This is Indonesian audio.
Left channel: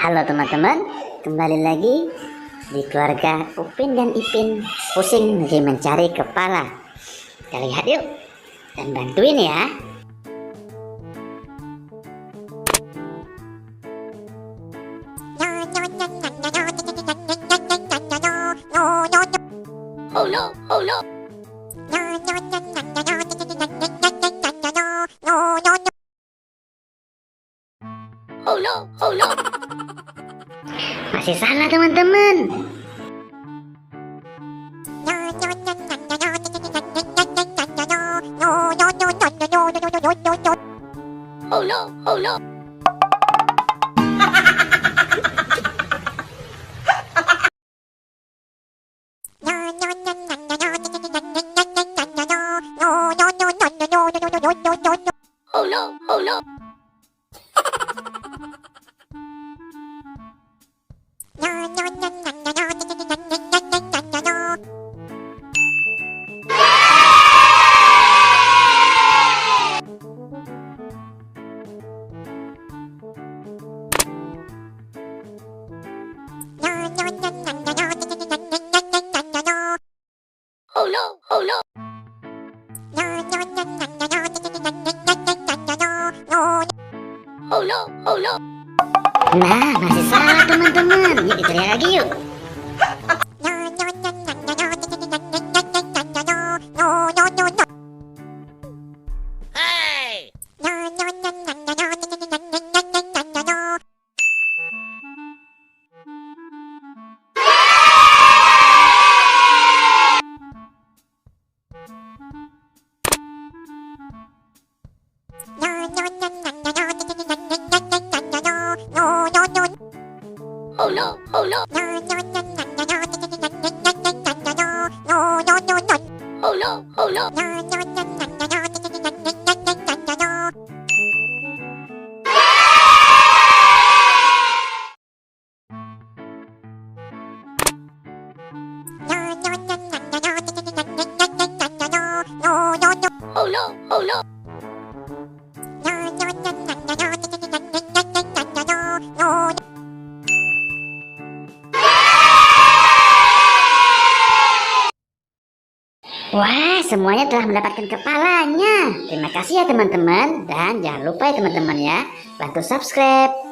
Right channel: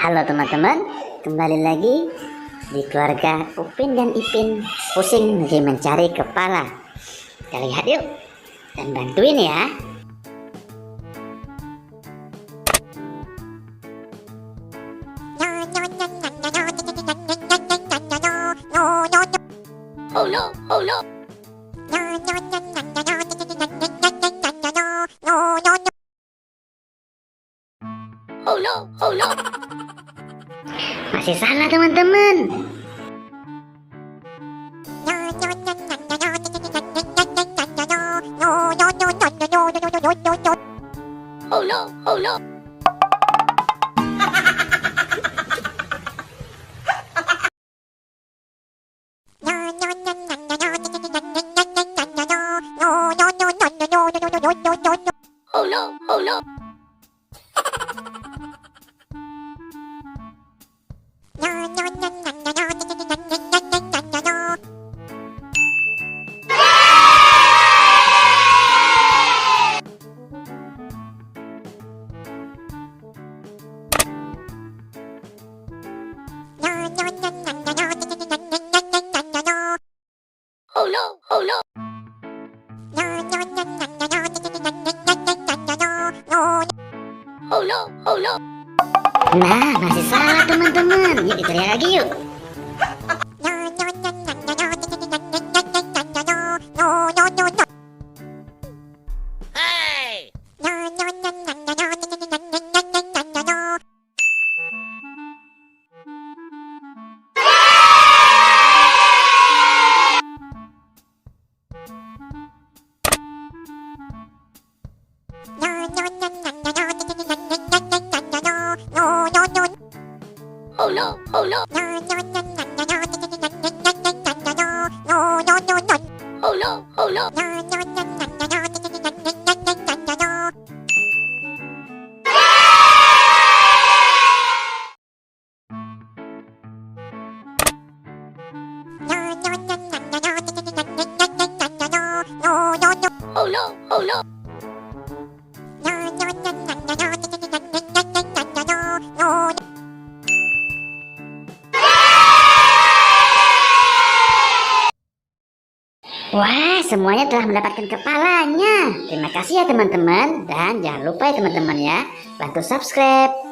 Halo teman-teman, kembali lagi di keluarga Upin dan Ipin pusing lagi mencari kepala. Kita lihat yuk dan bantuin ya. Oh no, oh no. Oh no, oh no. Masih salah teman-teman. Oh no, oh no. Oh no, oh no. Oh no, oh no. Oh no, oh no. Nah, masih salah teman-teman. Yuk kita lihat lagi yuk. Hey. Oh no, oh no. Oh no, oh no. Oh no, oh no. Wah, semuanya telah mendapatkan kepalanya. Terima kasih ya teman-teman. Dan jangan lupa ya teman-teman ya, bantu subscribe.